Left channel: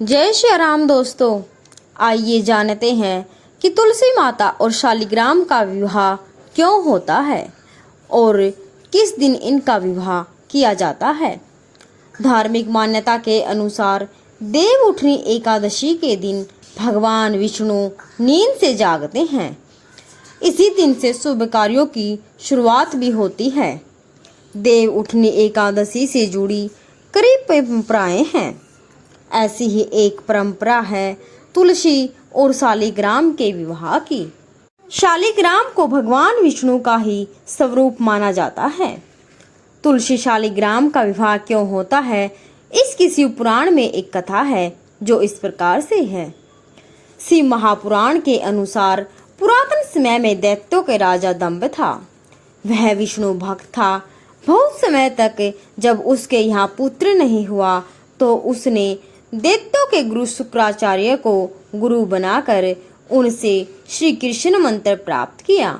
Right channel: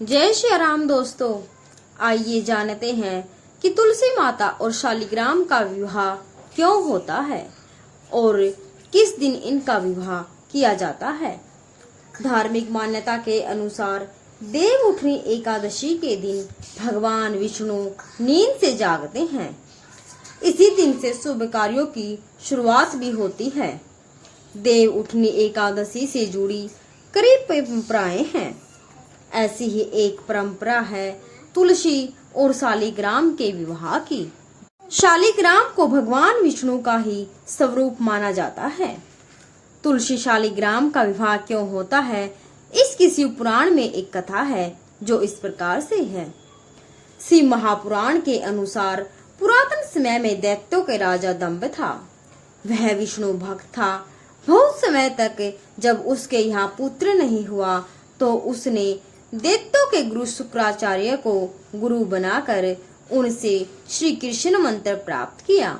जय श्री राम दोस्तों, आइए जानते हैं कि तुलसी माता और शालिग्राम का विवाह क्यों होता है और किस दिन इनका विवाह किया जाता है। धार्मिक मान्यता के अनुसार देव उठनी एकादशी के दिन भगवान विष्णु नींद से जागते हैं। इसी दिन से शुभ कार्यों की शुरुआत भी होती है। देव उठनी एकादशी से जुड़ी कई परंपराएं हैं। ऐसी ही एक परंपरा है तुलसी और शालिग्राम के विवाह की। शालिग्राम को भगवान विष्णु का ही स्वरूप माना जाता है। तुलसी शालिग्राम का विवाह क्यों होता है, इसकी शिव पुराण में एक कथा है जो इस प्रकार से है। शिव महापुराण के अनुसार पुरातन समय में दैत्यों के राजा दंभ था। वह विष्णु भक्त था। बहुत समय तक जब उसके यहाँ पुत्र नहीं हुआ तो उसने दैत्यों के गुरु शुक्राचार्य को गुरु बनाकर उनसे श्री कृष्ण मंत्र प्राप्त किया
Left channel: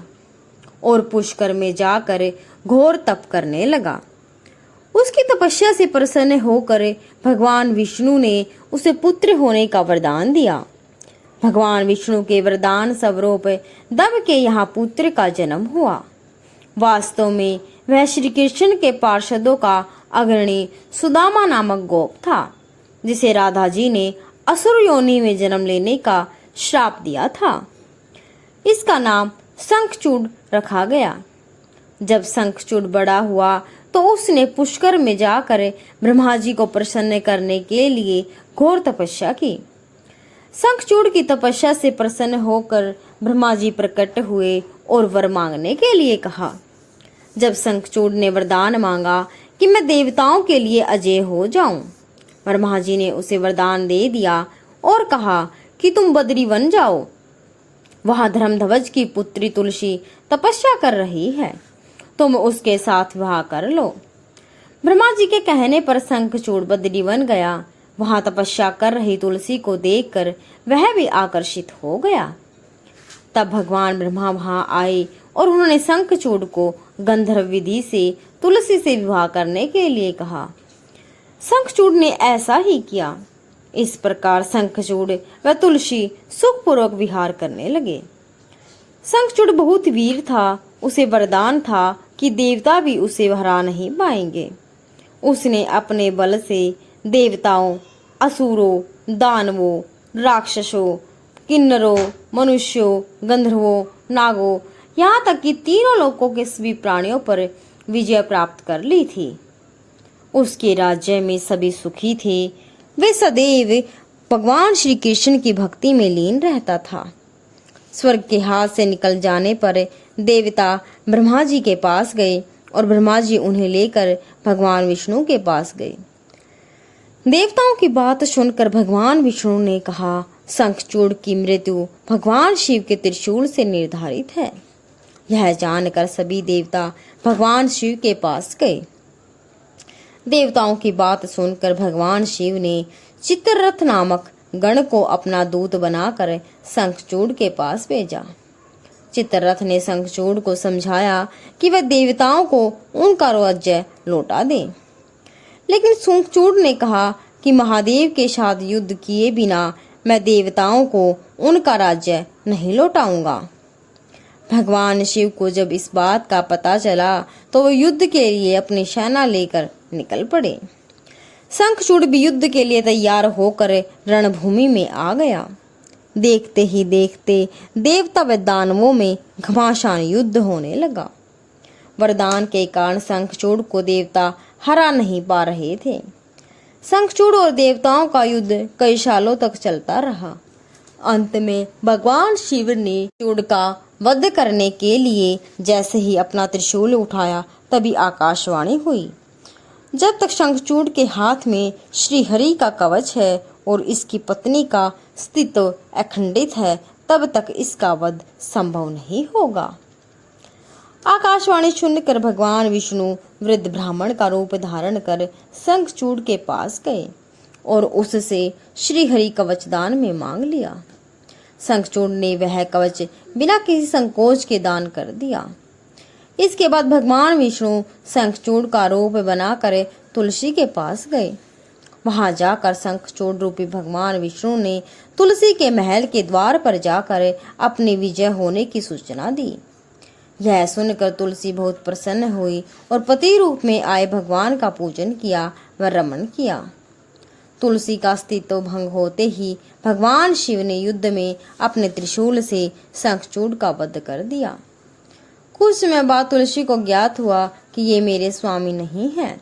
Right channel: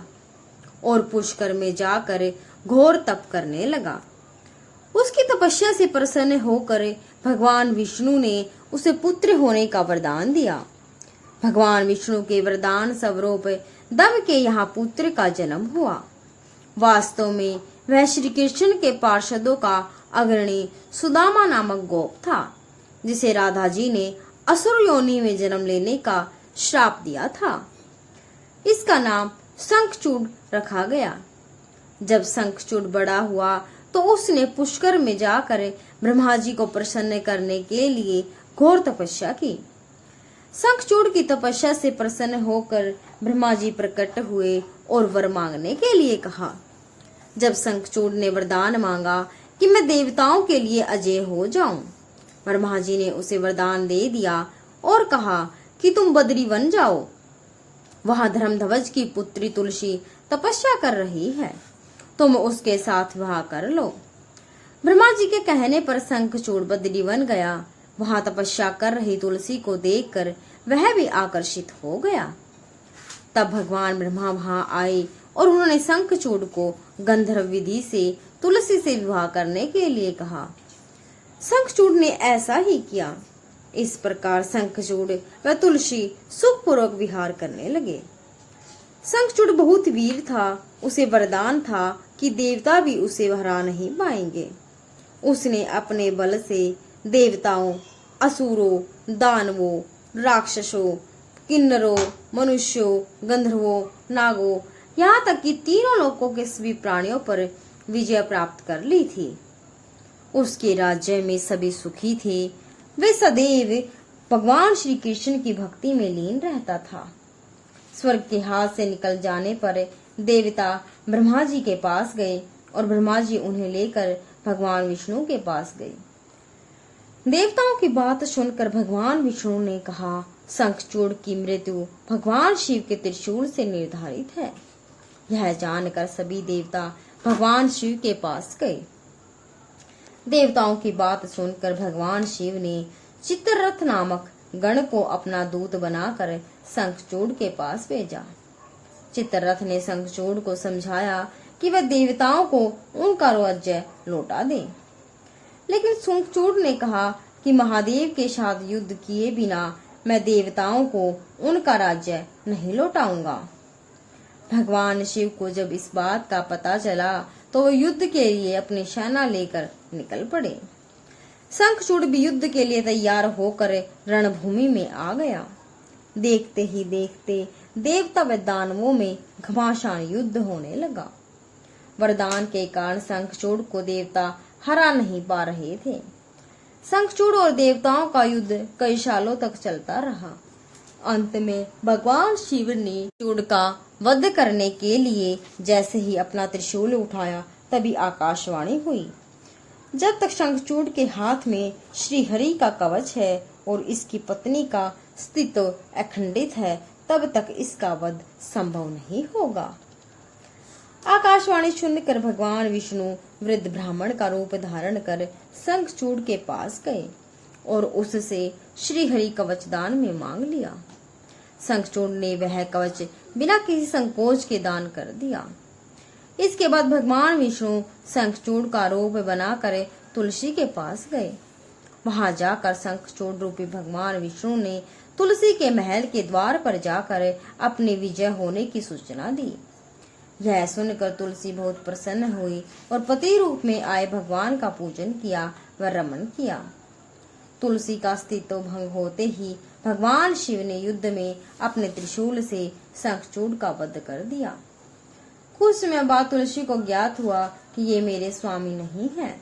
और पुष्कर में जाकर घोर तप करने लगा। उसकी तपस्या से प्रसन्न होकर भगवान विष्णु ने उसे पुत्र होने का वरदान दिया। भगवान विष्णु के वरदान स्वरूप दंभ के यहाँ पुत्र का जन्म हुआ। वास्तव में वह श्री कृष्ण के पार्षदों का अग्रणी सुदामा नामक गोप था, जिसे राधा जी ने असुर योनि में जन्म लेने का श्राप दिया था। इसका नाम शंखचूड़ रखा गया। जब शंखचूड़ बड़ा हुआ तो उसने पुष्कर में जाकर ब्रह्मा जी को प्रसन्न करने के लिए घोर तपस्या की। शंखचूड़ की तपस्या से प्रसन्न होकर ब्रह्मा जी प्रकट हुए और वर मांगने के लिए कहा। जब शंखचूड़ ने वरदान मांगा कि मैं देवताओं के लिए अजय हो जाऊं, ब्रह्मा जी ने उसे वरदान दे दिया और कहा कि तुम बद्री वन जाओ। वहां धर्मध्वज की पुत्री तुलसी तपस्या कर रही है, तुम उसके साथ विवाह कर लो। ब्रह्मा जी के कहने पर शंखचूड़ बद्री वन गया। वहां तपस्या कर रही तुलसी को देखकर वह भी आकर्षित हो गया। तब भगवान ब्रह्मा वहां आए और उन्होंने शंखचूड़ को गंधर्व विधि से तुलसी से विवाह करने के लिए कहा। शंखचूड़ ने ऐसा ही किया। इस प्रकार शंखचूड़ व तुलसी सुखपूर्वक विहार करने लगे। शंखचूड़ बहुत वीर था। उसे वरदान था कि देवता भी उसे हरा नहीं पाएंगे। उसने अपने बल से देवताओं, असुरों, दानवों, राक्षसों, किन्नरों, मनुष्यों, गंधर्वों, नागों, यहाँ तक कि तीनों लोकों के सभी प्राणियों पर विजय प्राप्त कर ली थी। उसके राज्य में सभी सुखी थे। वे सदैव भगवान श्री कृष्ण की भक्ति में लीन रहता था। स्वर्ग के हाथ से निकल जाने पर देवता ब्रह्मा जी के पास गए और ब्रह्मा जी उन्हें लेकर भगवान विष्णु के पास गए। देवताओं की बात सुनकर भगवान विष्णु ने कहा, शंखचूड़ की मृत्यु भगवान शिव के त्रिशूल से निर्धारित है। यह जानकर सभी देवता भगवान शिव के पास गए। देवताओं की बात सुनकर भगवान शिव ने चित्ररथ नामक गण को अपना दूत बनाकर शंखचूड़ के पास भेजा। चित्ररथ ने शंखचूड़ को समझाया कि वह देवताओं को उनका राज्य लौटा दे, लेकिन शंखचूड़ ने कहा कि महादेव के साथ युद्ध किए बिना मैं देवताओं को उनका राज्य नहीं लौटाऊंगा। भगवान शिव को जब इस बात का पता चला तो वो युद्ध के लिए अपनी सेना लेकर निकल पड़े। शंखचूड़ भी युद्ध के लिए तैयार होकर रणभूमि में आ गया। देखते ही देखते देवता व दानवों में घमासान युद्ध होने लगा। वरदान के कारण शंखचूड़ को देवता हरा नहीं पा रहे थे। शंखचूड़ और देवताओं का युद्ध कई सालों तक चलता रहा। अंत में भगवान शिव ने चूड़ का वध करने के लिए जैसे ही अपना त्रिशूल उठाया तभी आकाशवाणी हुई, जब तक शंखचूड़ के हाथ में श्री हरि का कवच है और इसकी पत्नी का अस्तित्व अखंडित है तब तक इसका वध संभव नहीं होगा। आकाशवाणी सुनकर भगवान विष्णु वृद्ध ब्राह्मण का रूप धारण कर शंखचूड़ के पास गए और उससे श्री हरि कवच दान में मांग लिया। शंखचूड़ ने वह कवच बिना किसी संकोच के दान कर दिया। इसके बाद भगवान विष्णु शंखचूड़ का रूप बनाकर तुलसी के पास गए वहां जाकर शंखचूड़ रूपी भगवान विष्णु ने तुलसी के महल के द्वार पर जाकर अपनी विजय होने की सूचना दी। यह सुनकर तुलसी बहुत प्रसन्न हुई और पति रूप में आए भगवान का पूजन किया व रमण किया। तुलसी का अस्तित्व भंग होते ही भगवान शिव ने युद्ध में अपने त्रिशूल से शंखचूड़ का वध कर दिया। कुछ समय बाद तुलसी को ज्ञात हुआ कि ये मेरे स्वामी नहीं हैं।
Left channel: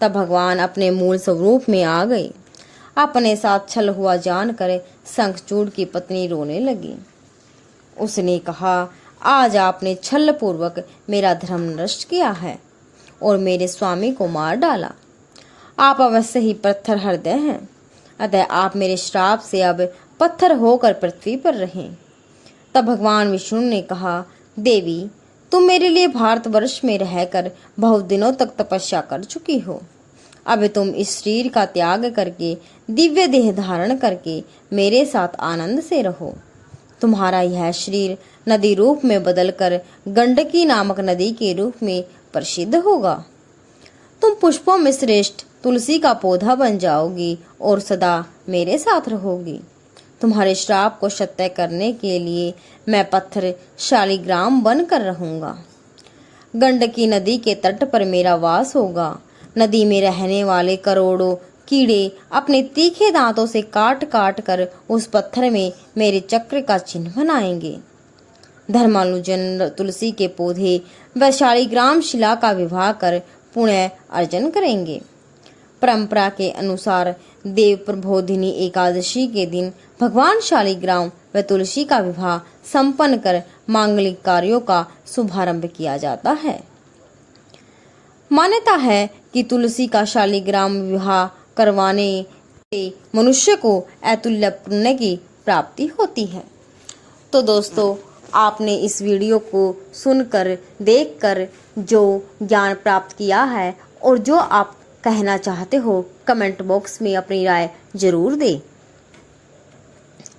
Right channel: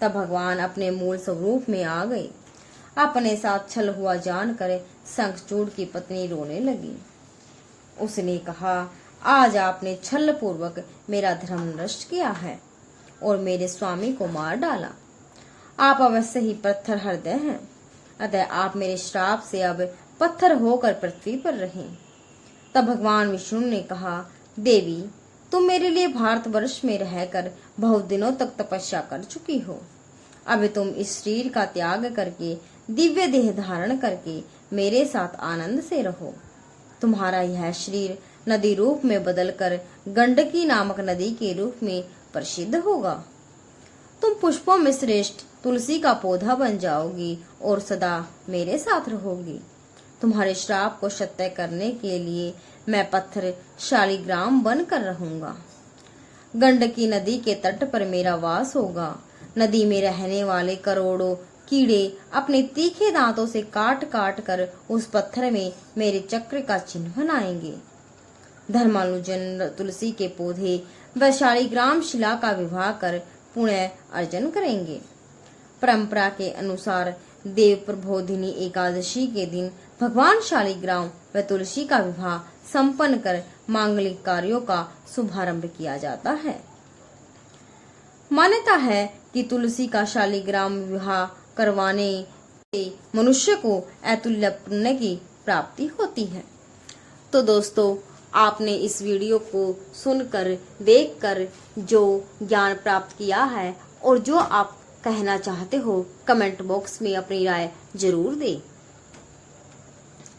तब भगवान अपने मूल स्वरूप में आ गए। अपने साथ छल हुआ जानकर शंखचूड़ की पत्नी रोने लगी। उसने कहा, आज आपने छल पूर्वक मेरा धर्म नष्ट किया है और मेरे स्वामी को मार डाला। आप अवश्य ही पत्थर हृदय हैं, अतः आप मेरे श्राप से अब पत्थर होकर पृथ्वी पर रहें। तब भगवान विष्णु ने कहा, देवी, तुम मेरे लिए भारतवर्ष में रहकर बहुत दिनों तक तपस्या कर चुकी हो। अब तुम इस शरीर का त्याग करके दिव्य देह धारण करके मेरे साथ आनंद से रहो। तुम्हारा यह शरीर नदी रूप में बदलकर गंडकी नामक नदी के रूप में प्रसिद्ध होगा। तुम पुष्पों में श्रेष्ठ तुलसी का पौधा बन जाओगी और सदा मेरे साथ रहोगी। तुम्हारे श्राप को सत्य करने के लिए मैं पत्थर शालिग्राम बनकर रहूंगा। गंडकी नदी के तट पर मेरा वास होगा। नदी में रहने वाले करोड़ों कीड़े अपने तीखे दांतों से काट काट कर उस पत्थर में मेरे चक्र का चिन्ह बनाएंगे। धर्मानुजन तुलसी के पौधे व शालिग्राम शिला का विवाह कर पुण्य अर्जन करेंगे। परंपरा के अनुसार देव प्रबोधिनी एकादशी के दिन भगवान शालिग्राम व तुलसी का विवाह संपन्न कर मांगलिक कार्यों का शुभारंभ किया जाता है। मान्यता है कि तुलसी का शालिग्राम विवाह करवाने से मनुष्य को अतुल्य पुण्य की प्राप्ति होती है। तो दोस्तों, आपने इस वीडियो को सुनकर, देखकर जो ज्ञान प्राप्त किया है और जो आप कहना चाहते हो, कमेंट बॉक्स में अपनी राय जरूर दें।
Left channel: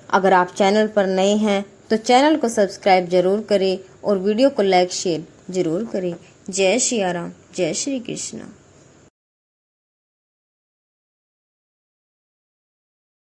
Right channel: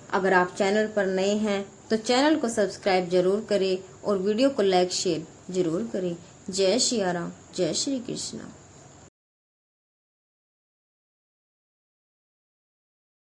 अगर आप चैनल पर नए हैं तो चैनल को सब्सक्राइब जरूर करें और वीडियो को लाइक शेयर जरूर करें। जय श्री राम, जय श्री कृष्ण।